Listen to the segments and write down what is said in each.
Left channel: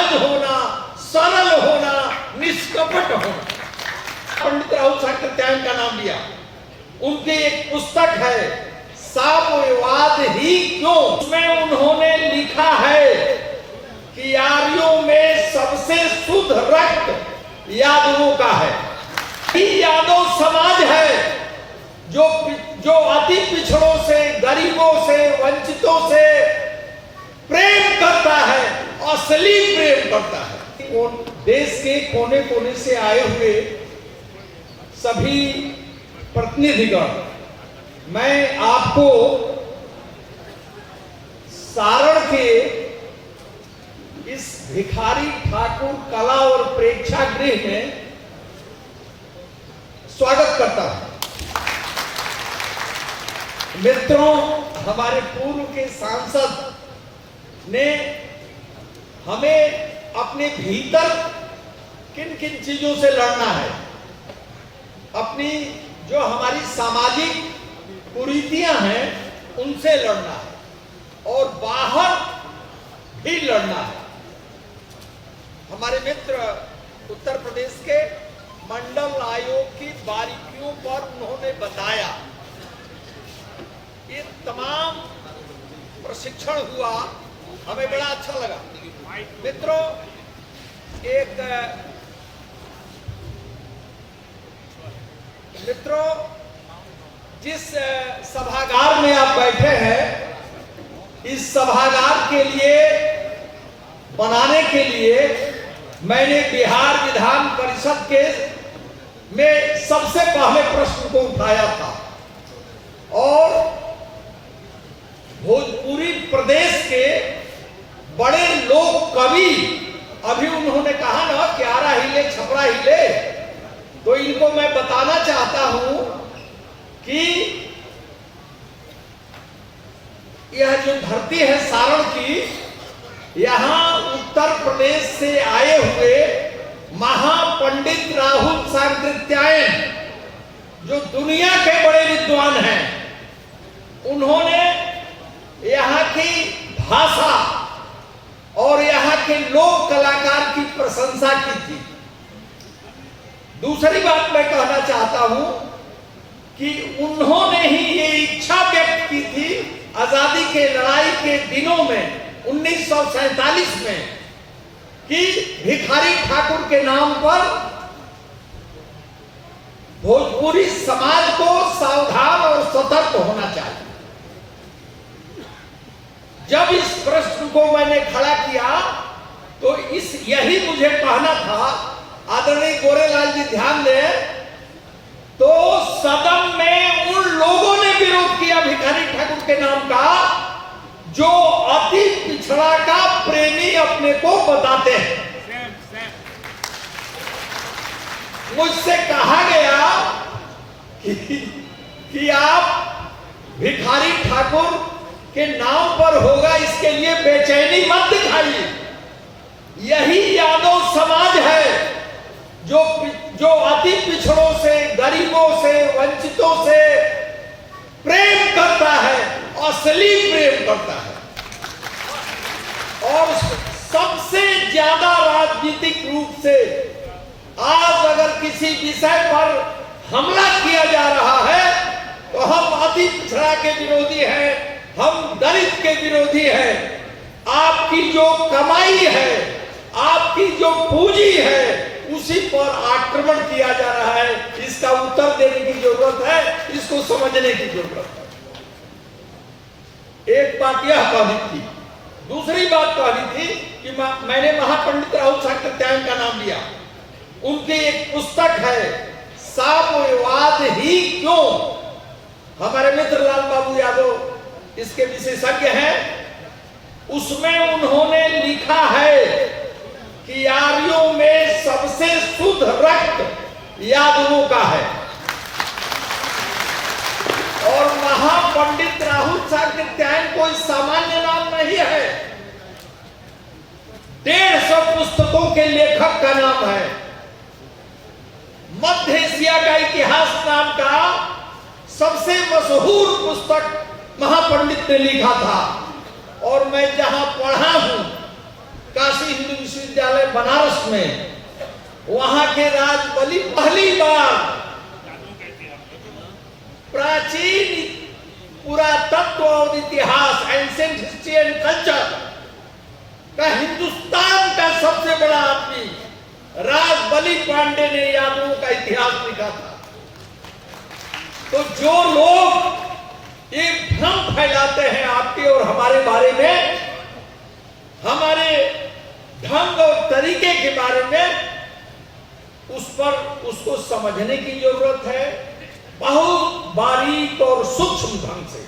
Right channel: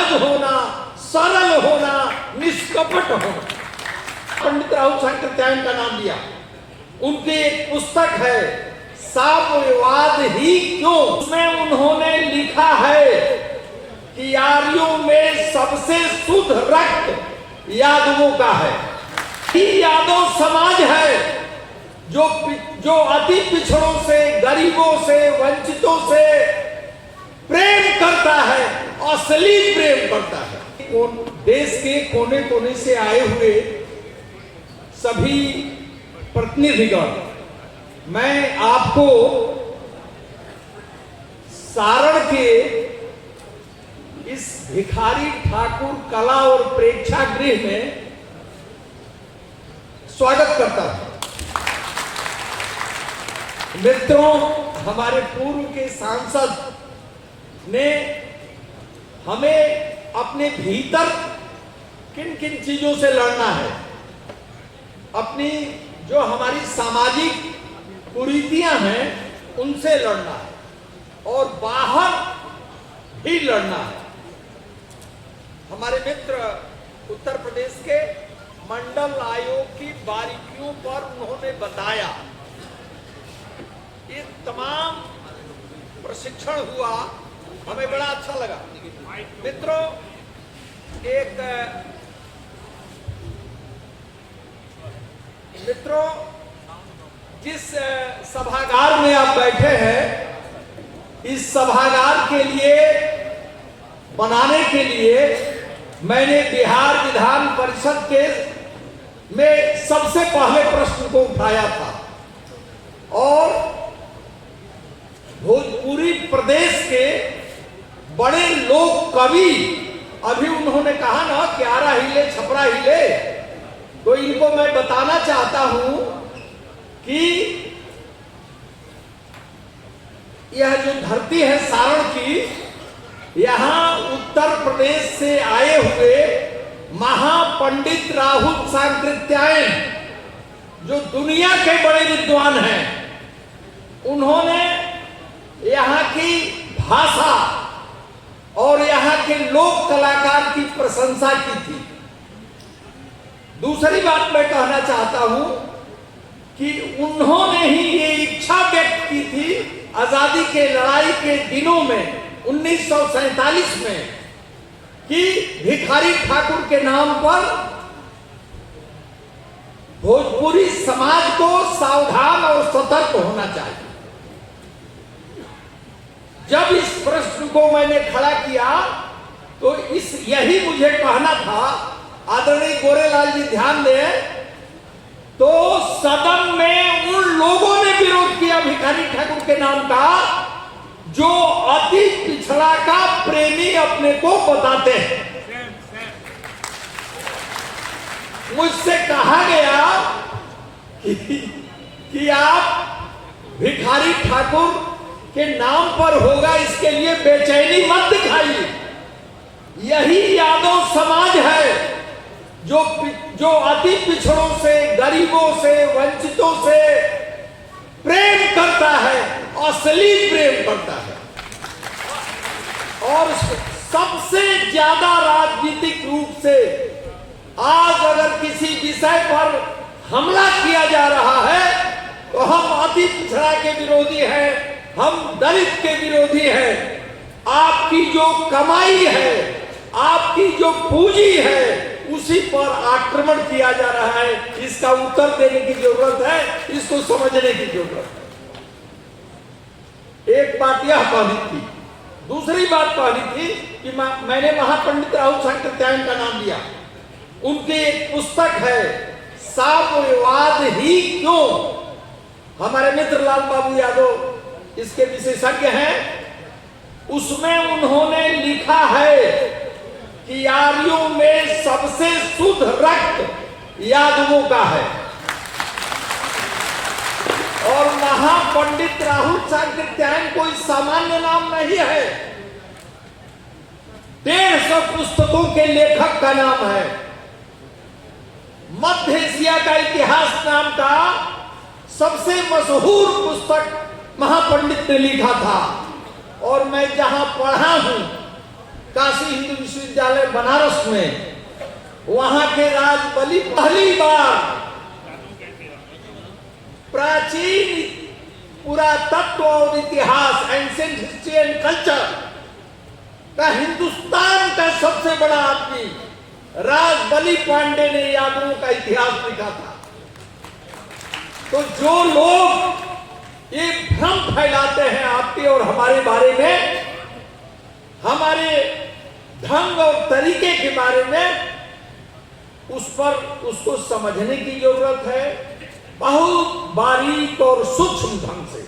सहज होना, सरल होना, निष्कपट होना। पंडित राहुल सत्यायन का नाम लिया। उनकी एक पुस्तक है साम्यवाद ही क्यों। उसमें उन्होंने लिखा है कि आर्यों में सबसे शुद्ध रक्त यादवों का है। यादव समाज है जो अति पिछड़ों से, गरीबों से, वंचितों से प्रेम करता है, असली प्रेम करता है। देश के कोने कोने से आए हुए सभी प्रतिनिधिगण, मैं आपको सारण के इस भिखारी ठाकुर कला और प्रेक्षागृह में स्वागत करता हूं। मित्रों, हमारे पूर्व के सांसद ने हमें अपने भीतर किन किन चीजों से लड़ना है, अपनी जो हमारी सामाजिक कुरीतियां हैं उनसे लड़ना है और बाहर भी लड़ना है। हमारे मित्र उत्तर प्रदेश के मंडल आयोग की बारीकियों पर उन्होंने बताया। ये तमाम प्रशिक्षण हुआ, हमें बड़ा अच्छा लगा। मित्रों, जिस सभागार में आप बैठे हैं, इस सभागार के लिए बनाने के लिए मैंने बिहार विधान परिषद के में सबसे पहले प्रश्न को उठाया था और भोजपुरी प्रदेश के बड़े लोक कवि, अभी उन्होंने कहा ना कि आरा हिले छपरा हिले, तो इनको मैं बताना चाहता हूं कि यह जो धरती है सारण की, यहां उत्तर प्रदेश से आए हुए महापंडित राहुल सत्यायन, जो दुनिया के बड़े विद्वान हैं, उन्होंने यहाँ की भाषा और यहाँ के लोक कलाकार की प्रशंसा की थी। दूसरी बात मैं कहना चाहता हूं कि उन्होंने ही ये इच्छा व्यक्त की थी आजादी के लड़ाई के दिनों में 1947 में कि भिखारी ठाकुर के नाम पर भोजपुरी समाज को सावधान और सतर्क होना चाहिए। जब इस प्रश्न को मैंने खड़ा किया तो यही मुझे कहना था। आदरणीय गोरेलाल जी ध्यान दें, तो सदन में उन लोगों ने विरोध किया भिखारी ठाकुर के नाम का जो अति पिछड़ा का प्रेमी अपने को बताते हैं। मुझसे कहा गया कि आप भिखारी ठाकुर के नाम पर होगा, इसके लिए बेचैनी मत दिखाइए। यही यादव समाज है जो अति पिछड़ों से, गरीबों से, वंचितों से प्रेम करता है, असली प्रेम करता है। और सबसे ज्यादा राजनीतिक रूप से आज अगर किसी विषय पर हमला किया जा रहा है तो हम अति पिछड़ा के विरोधी हैं, हम दलित के विरोधी हैं। आपकी जो कमाई है, आपकी जो पूंजी है, उसी पर आक्रमण किया जा रहा है। इसका उत्तर देने की जरूरत है, इसको समझने की जरूरत है। एक बात यह कहनी थी। दूसरी बात कहनी थी कि मैंने महापंडित राहुल सत्यायन का नाम लिया। उनकी एक पुस्तक है साम्यवाद ही क्यों। हमारे मित्र लाल बाबू यादव इसके विशेषज्ञ हैं। उसमें उन्होंने लिखा है कि आर्यों में सबसे शुद्ध रक्त यादवों का है और महापंडित राहुल सत्यायन कोई सामान्य नाम नहीं है। 150 पुस्तकों के लेखक का नाम है। मध्य एशिया का इतिहास नाम का सबसे मशहूर पुस्तक महापंडित ने लिखा था और मैं जहां पढ़ा हूं काशी हिंदू विश्वविद्यालय बनारस में, वहां के राजबली पहली बार प्राचीन पुरातत्व और इतिहास, एंशिएंट हिस्ट्री एंड कल्चर का हिंदुस्तान का सबसे बड़ा आदमी राजबली पांडे ने यादवों का इतिहास लिखा था। तो जो लोग ये भ्रम फैलाते हैं आपके और हमारे बारे में, हमारे ढंग और तरीके के बारे में, उसको समझने की जरूरत है बहुत बारीक और सूक्ष्म ढंग से।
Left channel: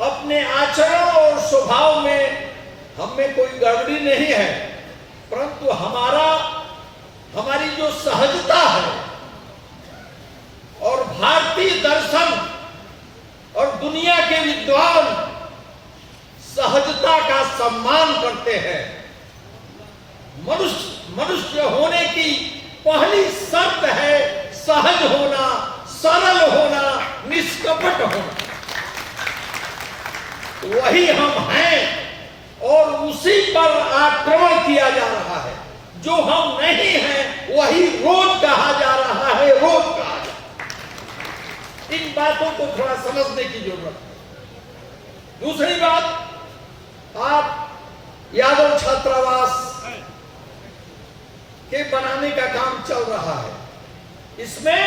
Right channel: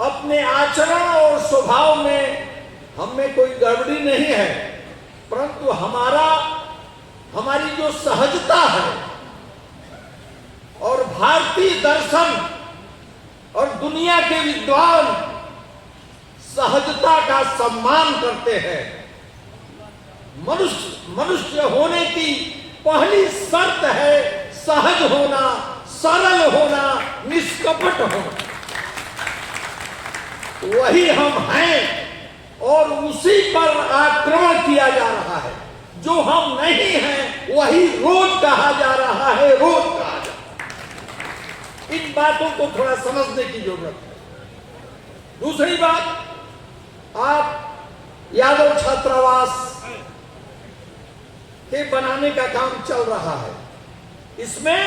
अपने आचरण और स्वभाव में हमें कोई गड़बड़ी नहीं है, परंतु हमारी जो सहजता है और भारतीय दर्शन और दुनिया के विद्वान सहजता का सम्मान करते हैं। मनुष्य होने की पहली शर्त है सहज होना, सरल होना, निष्कपट होना। वही हम हैं और उसी पर आक्रमण किया जा रहा है। जो हम नहीं हैं वही रोज कहा जा रहा है, रोज कहा जा रहा है। इन बातों को थोड़ा समझने की जरूरत है। दूसरी बात, आप यादव छात्रावास के बनाने का काम चल रहा है। इसमें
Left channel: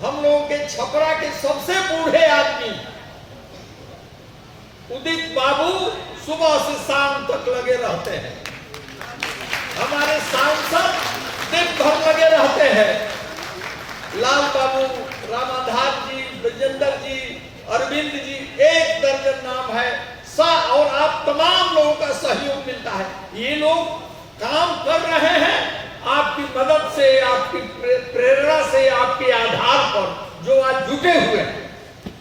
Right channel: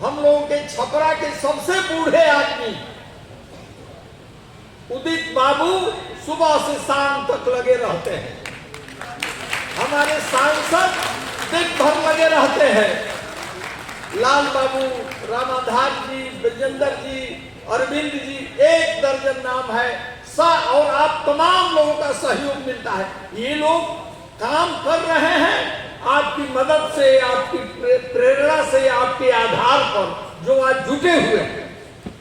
हम लोगों के छपरा के सबसे बूढ़े आदमी उदित बाबू सुबह से शाम तक लगे रहते हैं। हमारे सांसद दिन भर लगे रहते हैं। लाल बाबू, रामाधार जी, विजेंद्र जी, अरविंद जी, 1 दर्जन नाम है। और आप तमाम लोगों का सहयोग मिलता है। ये लोग काम कर रहे हैं आपकी मदद से, आपकी प्रेरणा से, आपके आधार पर जो आज जुटे हुए हैं।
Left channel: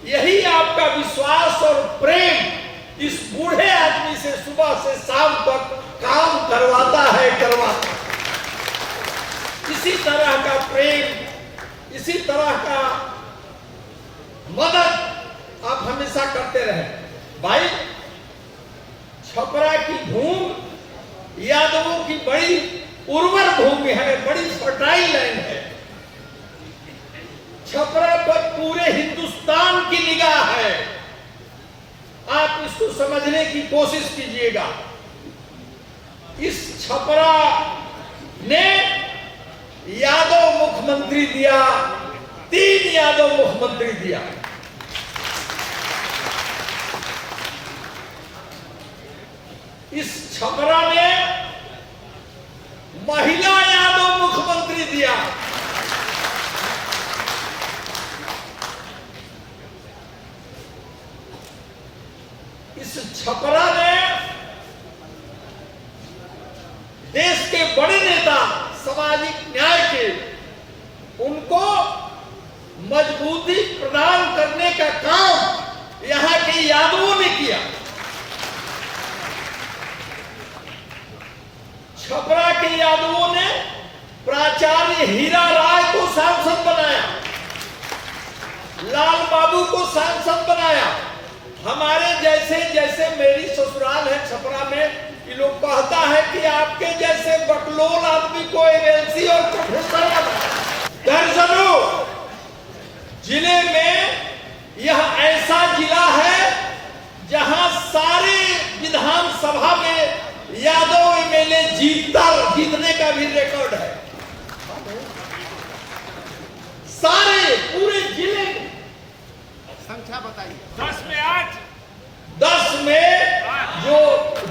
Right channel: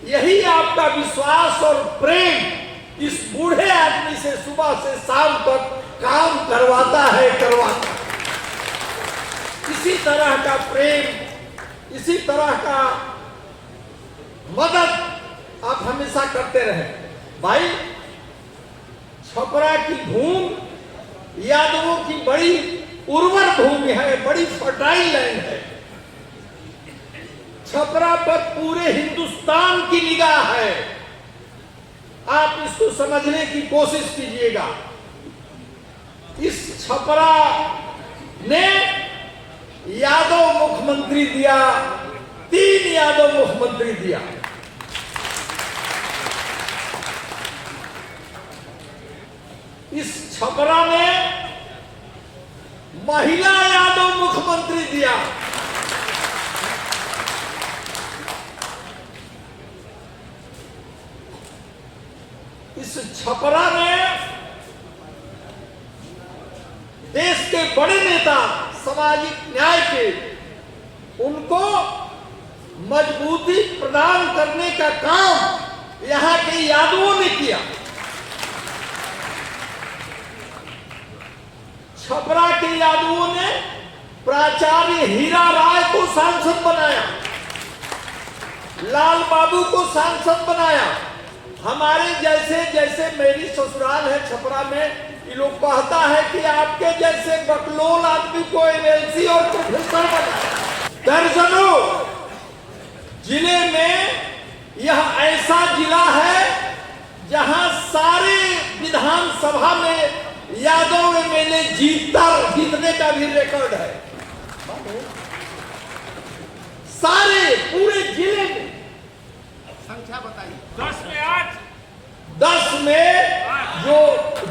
यही आपका विश्वास और प्रेम इस बूढ़े आदमी से सुबह से शाम तक काम करवाता है। इसी तरह का प्रेम, इसी तरह का मदद आप हमेशा करते रहे। भाई, छपरा की भूमि यादवों की बड़ी उर्वर भूमि है, बड़ी फर्टाइल लैंड है। छपरा पर पूरे हिंदुस्तान की निगाह है। आप इसको समझने की कोशिश कीजिएगा। इस छपरा ने यादव मुख्यमंत्री दिया, 3 यादव मुख्यमंत्री दिया। इस छपरा में महिला यादव मुख्यमंत्री दिया। इस छपरा ने देश के बड़े नेता, सामाजिक न्याय के, उनको मजबूती प्रदान करने का काम यहां के यादवों ने किया। छपरा के यादवों ने प्राचार्य हीरा राय को सांसद बनाया, लाल बाबू को सांसद बनाया। हमारे जैसे मेरी ससुराल है छपरा में, ये लोग कहता है कि आपके जैसे बकलोल आदमी को एमएलसी और प्रोफेसर बनाया। दर्जनों जिले में यह ऐसा जिला है जहां सारे विधानसभा में यादव एमएलए जीतने का भी रिकॉर्ड है। सारे पूरे जिले में संख्या बताइए। 10 में 8। 10 में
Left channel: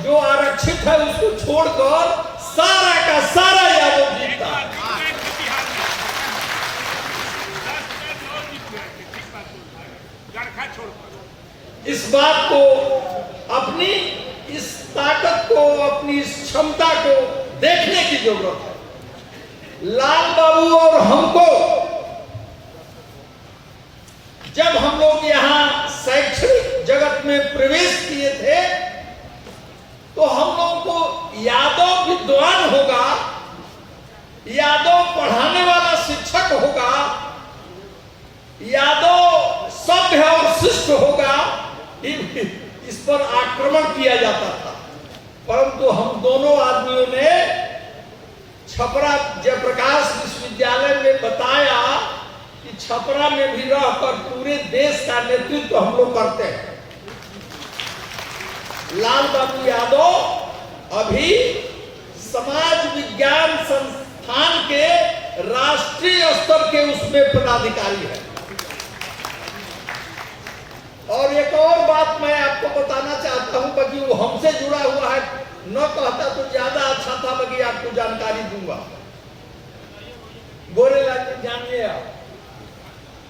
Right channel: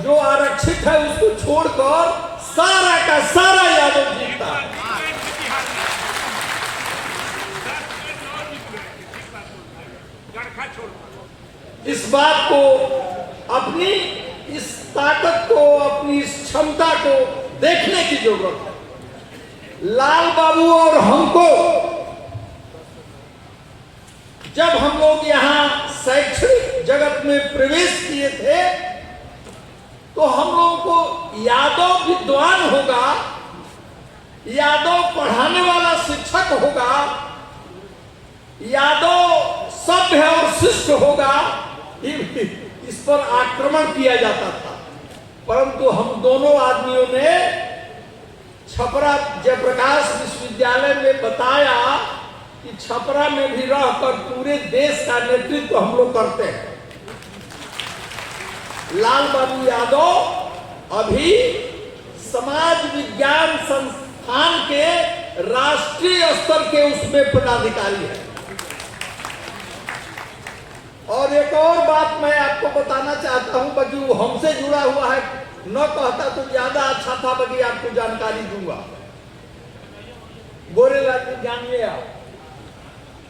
जो आरक्षित है उसको छोड़कर सारा का सारा यादव जीतता है। इस बात को, अपनी इस ताकत को, अपनी इस क्षमता को देखने की जरूरत है। लाल बाबू और हमको जब हम लोग यहाँ शैक्षणिक जगत में प्रवेश किए थे तो हम लोगों को यादव विद्वान होगा, यादव पढ़ाने वाला शिक्षक होगा, यादव सभ्य और शिष्ट होगा, इस पर आक्रमण किया जाता था। परंतु हम दोनों आदमियों ने छपरा जयप्रकाश विश्वविद्यालय में बताया कि छपरा में भी रहकर पूरे देश का नेतृत्व हम लोग करते हैं। लाल बाबू यादव अभी समाज विज्ञान संस्थान के राष्ट्रीय स्तर के उसमें पदाधिकारी है। और एक और बात मैं आपको बताना चाहता हूं, बाकी वो हमसे जुड़ा हुआ है, न कहता तो ज्यादा अच्छा था, बाकी आपको जानकारी दूंगा। गोरेलाल जी जानिए आप,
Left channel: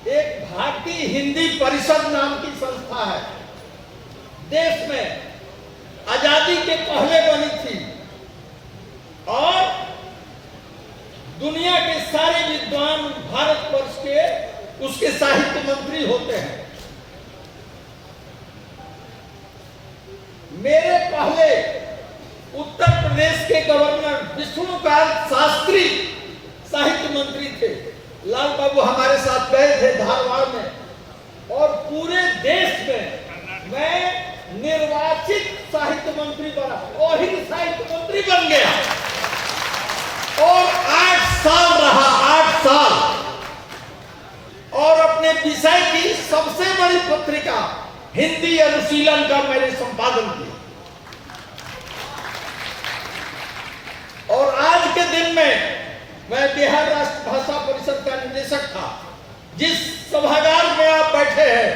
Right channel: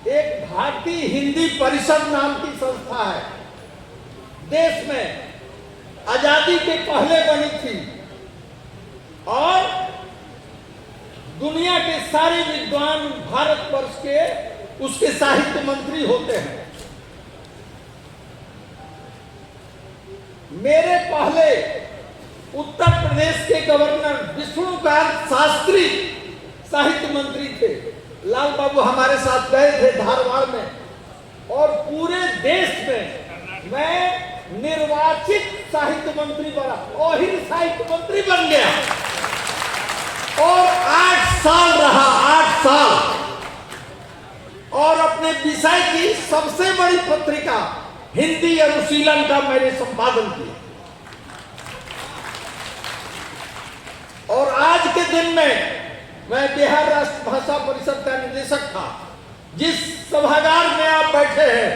एक भारतीय हिंदी परिषद नाम की संस्था है, देश में आजादी के पहले बनी थी और दुनिया के सारे विद्वान भारतवर्ष के उसके साहित्य मंत्री होते हैं। मेरे पहले उत्तर प्रदेश के गवर्नर विष्णुकांत शास्त्री साहित्य मंत्री थे। लाल बाबू हमारे साथ गए थे धारवाड़ में और पूरे देश में मैं निर्वाचित साहित्य मंत्री बना, ओहिर साहित्य मंत्री बन गया और 8 साल रहा, 8 साल, और अपने विषय की सबसे बड़ी पत्रिका हिंदी अनुशीलन का मैंने संपादन किया। और आज के दिन में मैं बिहार राष्ट्र भाषा परिषद का निदेशक था। जिस सभागार में आप बैठे हैं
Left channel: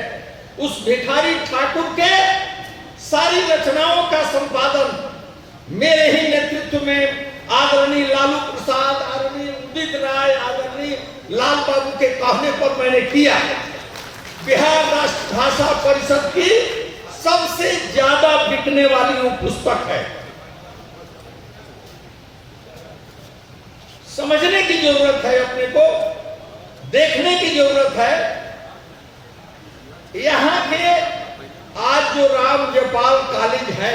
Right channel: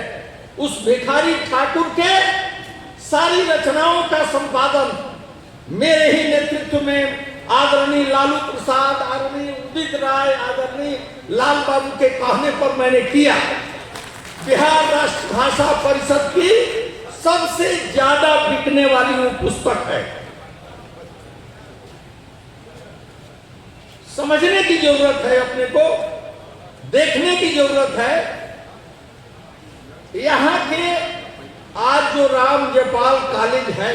उस भिखारी ठाकुर के सारी रचनाओं का संपादन मेरे ही नेतृत्व में आदरणीय लालू प्रसाद, आदरणीय उदित राय, आदरणीय लाल बाबू के कहने पर मैंने किया। बिहार राष्ट्र भाषा परिषद की सबसे ज्यादा बिकने वाली वो पुस्तक है। समझने की जरूरत है, अपने को देखने की जरूरत है। यहां के आज जो राम जयपाल कॉलेज है,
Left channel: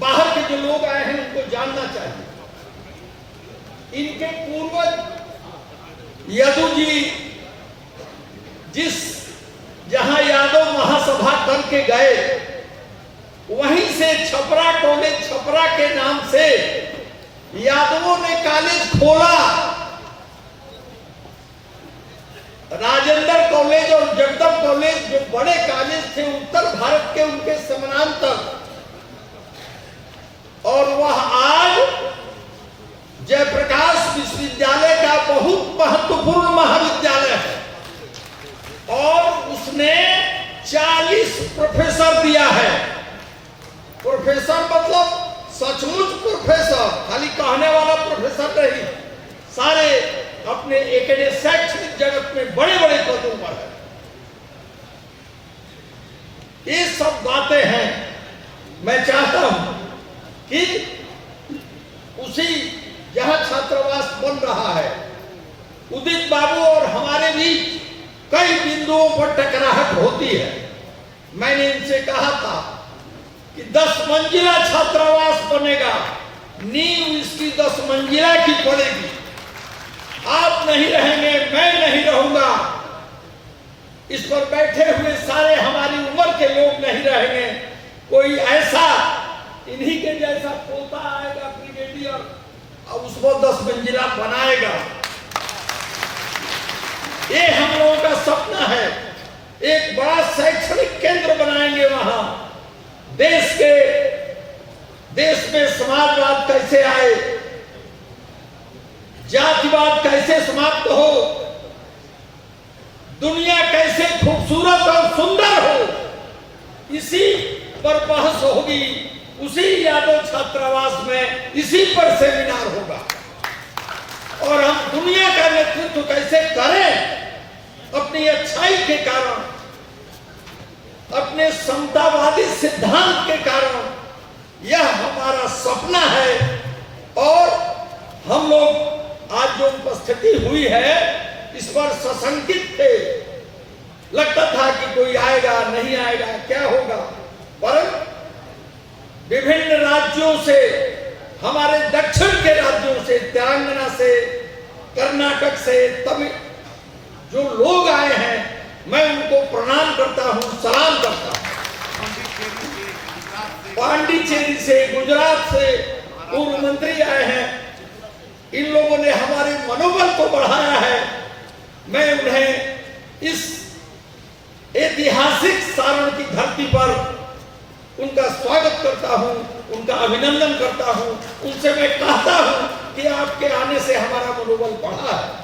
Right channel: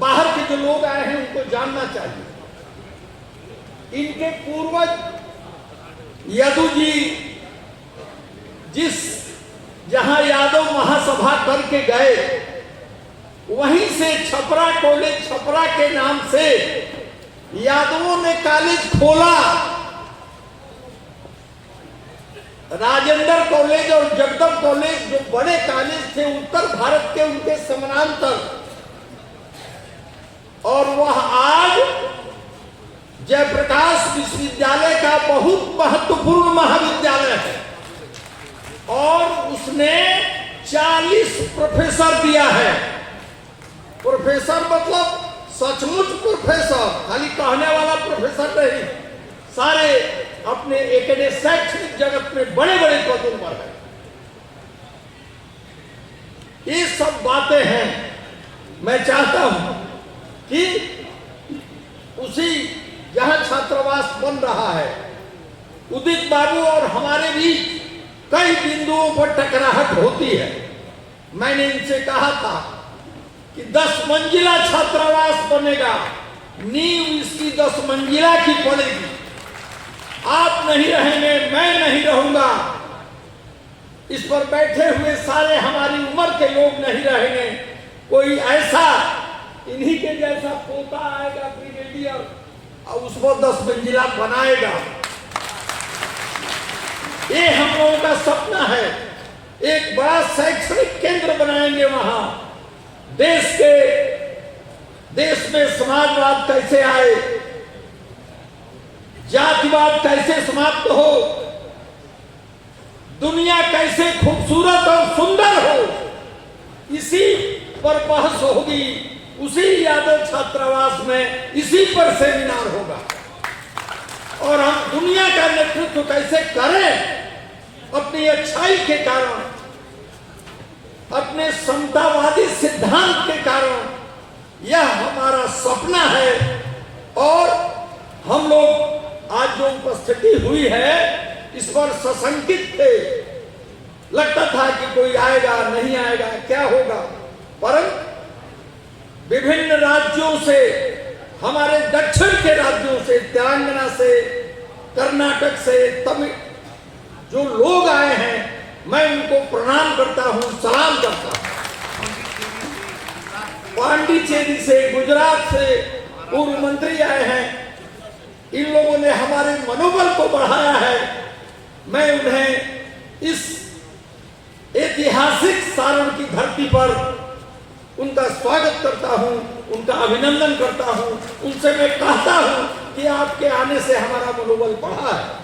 बाहर के जो लोग आए हैं उनको जानना चाहिए। इनके पूर्वज यदु जी जिस जहां यादव महासभा करके गए, वहीं से छपरा कॉलेज, छपरा के नाम से यादवों ने कॉलेज खोला। राजेंद्र कॉलेज और जगदम कॉलेज जो बड़े कॉलेज थे उत्तर भारत के, उनके समानांतर, और वह आज जयप्रकाश विश्वविद्यालय का बहुत महत्वपूर्ण महाविद्यालय है और उसने 40 प्रोफेसर दिया है। प्रोफेसर मतलब सचमुच प्रोफेसर, खाली कहने वाला प्रोफेसर नहीं, सारे अपने शैक्षणिक जगत में बड़े बड़े पदों पर है। ये सब बातें हैं। मैं चाहता हूं कि उसी जहां छात्रावास बन रहा है, उदित बाबू और हमारे बीच कई बिंदुओं पर टकराहट होती है। मैंने इनसे कहा था कि 10 मंजिला छात्रावास बनेगा, नींव इसकी 10 मंजिला की पड़ेगी। आप नहीं रहेंगे, मैं नहीं रहूंगा, इस पर बैठे हुए सारे हमारी उम्र के लोग नहीं रहेंगे। कोई ऐसा इन्हीं के जैसा पोता आएगा ब्रिगेडियर और उसको 10 मंजिला बनाएगा। ये हम लोगों का सपना है। एक बड़ा शैक्षणिक केंद्र बनाएंगे वहां। देश में समाजवाद कैसे आए, जातिवाद कैसे समाप्त हो, दुनिया कैसे खूबसूरत और सुंदर हो, इसी पर बहस होगी। उसी यादव छात्रावास में इसी पर सेमिनार होगा और हम दुनिया का नेतृत्व कैसे करें अपनी अच्छाई के कारण, अपने समतावादी सिद्धांत के कारण। यह हमारा सपना है और हम लोग आज जो उपस्थिति हुई है इस पर सशंकित थे। लगता था कि कोई आएगा नहीं आएगा, क्या होगा, पर विभिन्न राज्यों से, हमारे दक्षिण के राज्यों से, तेलंगाना से, कर्नाटक से, तमिल जो लोग आए हैं, मैं उनको प्रणाम करता हूं, सलाम करता हूं पांडिचेरी से, गुजरात से पूर्व मंत्री आए हैं। इन लोगों ने हमारे मनोबल को बढ़ाया है। मैं उन्हें इस ऐतिहासिक सारण की धरती पर उनका स्वागत करता हूं, उनका अभिनंदन करता हूं। उनसे मैं कहता हूं कि आपके आने से हमारा मनोबल बढ़ा है।